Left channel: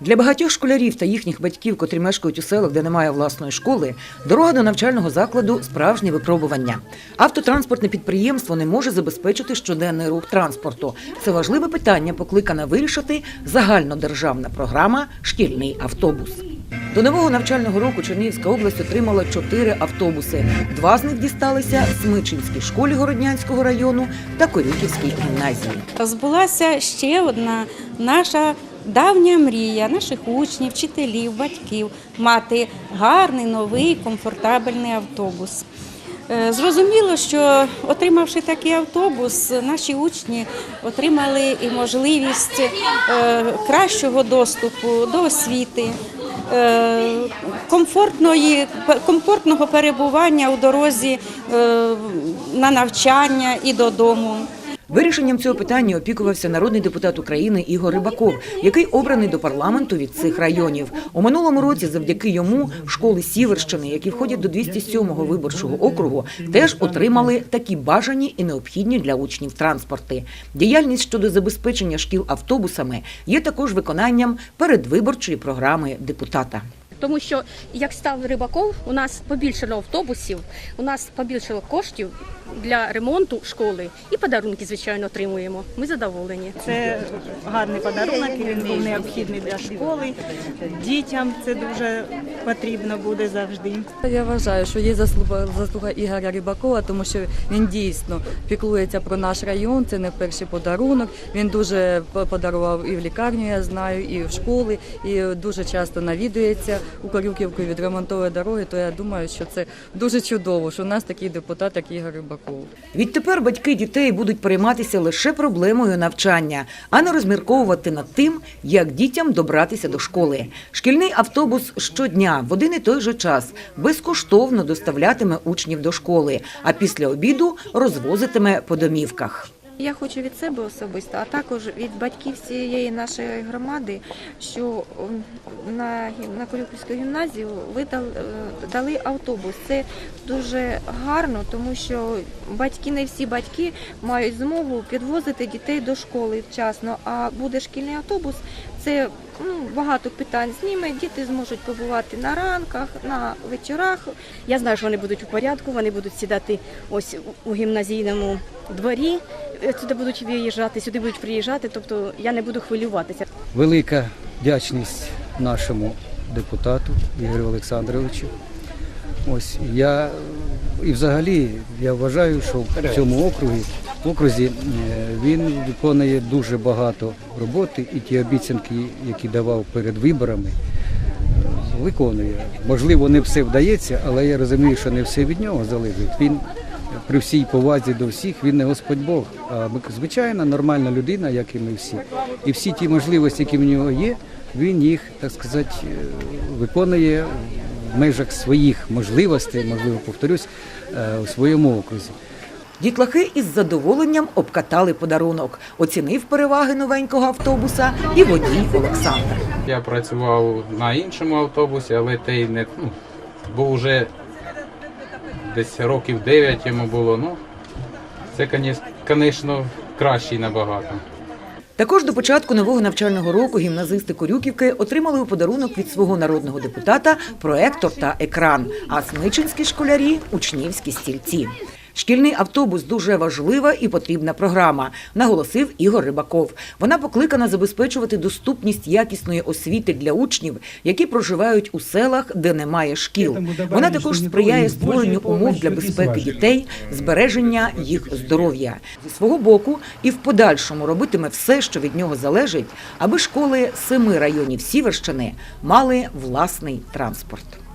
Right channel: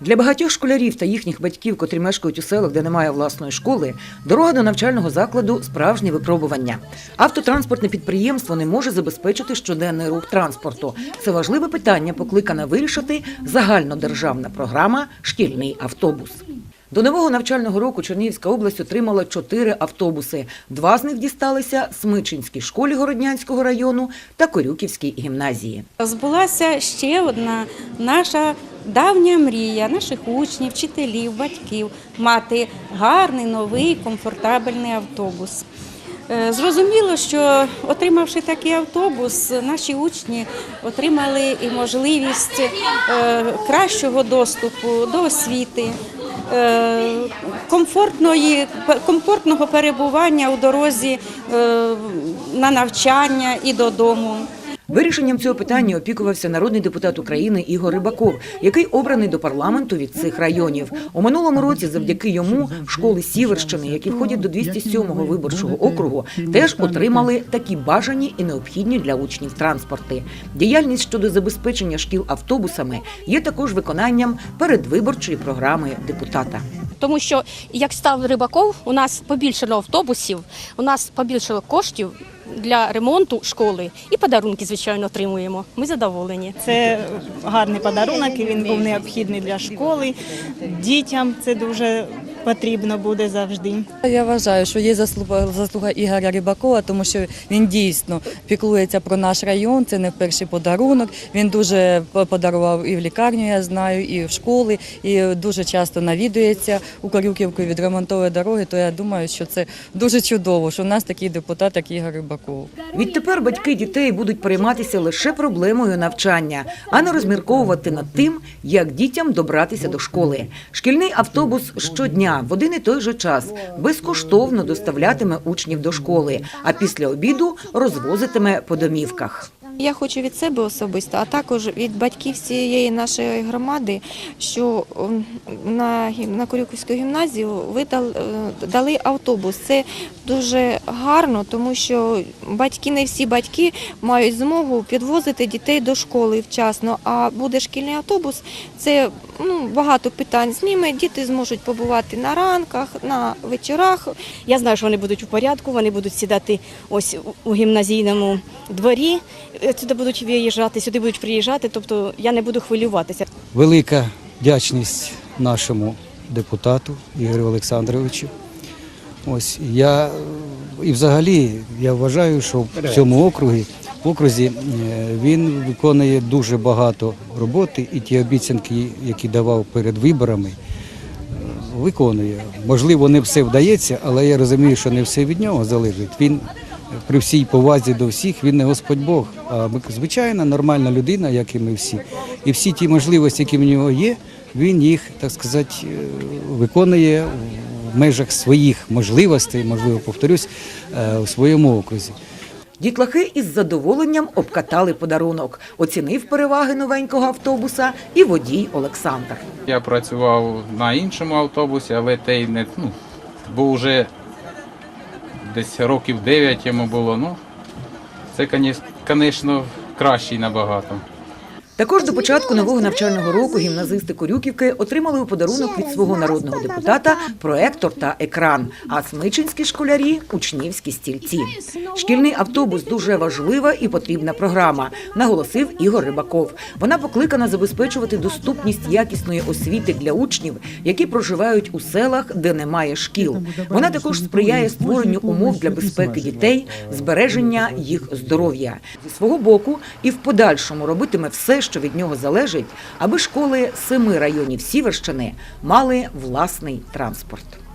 Для багатьох школярів та їхніх батьків, котрі мешкають у селах, де немає власної школи, дорога до навчального закладу справжнє випробування. Автотранспортне підприємство не може забезпечити щоденний рух транспорту. Це важливе питання, покликана вирішити загальнодержавна програма Шкільний автобус. До нового навчального року Чернігівська область отримала чотири автобуси. Два з них дісталися Смичинській школі Городнянського району та Корюківській гімназії. Збулася ще одна наша давня мрія наших учнів, вчителів, батьків мати гарний, новий, комфортабельний автобус. Е, Зрозуміло, що отримавши такий автобус, наші учні отримали і можливість е, кращого доступу до освіти, е, комфортної, комфортного перебування у дорозі на навчання і додому. Вирішенням цього питання опікувався народний депутат України Ігор Рибаков, який обраний до парламенту від цих районів. У минулому році, завдяки йому, школи Сіверщини, які входять до 207-го виборчого округу, теж отримали такі бажані і необхідні для учнів транспорти. Діяльність щодо забезпечення шкіл автобусами є також виконанням передвиборчої програми депутата. Тому що як став Рибаков, у нас побільшало автобусів, у нас побільшало коштів для ремонту школи і подарунки, звичайно, отримуємо. Ми задоволені. Це гарний подарунок, і він був необхідний для школи. Дітям це дуже потрібно буде завжди. Я вважаю, що є заслуга, заслуга Ігоря Рибакова, тому що він дійсно піклується про наш район. Це не перший подарунок. Він дуже подарував і в лікарню, я знаю, і в школи, і дуже часто навідується у Корюківку відремонтовує дороги. То я думаю, що це дуже чудово, що в нас такий депутат, як Ігор Рибаков. Відтепер батьки дітей будуть перейматися лише проблемою навчання, а не розмірковувати над тим, як дітям добратися до школи. Шкільний автобус щодня в один і той же час безкоштовно доставлятиме учнів до школи, а після обіду розвозитиме по домівках. Я хочу від себе особисто, а також від батьків всієї нашої громади, що на, на Корюківську гімназію ви е, дали автобус. Це дуже гарно, тому що батьки, не всі батьки мають змогу підвозити дітей до школи вчасно. А буде шкільний автобус, це ну, багато питань зніме. Діти зможуть побувати на ранках, на вечорах. Я знаю, що вони будуть у порядку, вони будуть сідати ось у гімназійному дворі. Е, Сюди будуть виїжджати, сюди будуть приїжджати. Тобто я не буду хвилюватися. велика вдячність нашому депутату Ігорю Олександровичу. Ось я і взагалі я вважаю, що в цьому округі окрузі е, він виконує дуже багато роботи, і ті обіцянки, які давав перед виборами, виконує. Можливо, не все вдається, але я розумію, що не все від нього залежить. Він при всій повазі до всіх, він не Господь Бог, а звичайна нормальна людина, як і ми всі. І всі ті можливості, які в нього є, він їх, так сказати, е, виконує в межах своїх можливостей, можливо, повторюсь, е, в своєму окрузі. Дітлахи із задоволенням обкатали подарунок, оцінив переваги новенького автобуса і водій Олександр. Я працював на іншому автобусі, але той не ну, був уже десь років 9 йому було. Ну, це, звісно, кращий набагато. Також до початку нового навчального року гімназисти Корюківки отримали у подарунок від свого народного депутата проектор та екран, а смичинські школярі учнівські стільці. Шкільний автобус дуже важлива і потрібна програма, наголосив Ігор Рибаков. Вона покликана забезпечувати доступність якісної освіти для учнів, які проживають у селах, де немає шкіл. Вона також сприяє створенню умов для безпеки дітей, збереження їх здоров'я. Зі свого боку і в подальшому робитиме все, що від нього залежить, аби школи семи районів Сіверщини мали власний транспорт.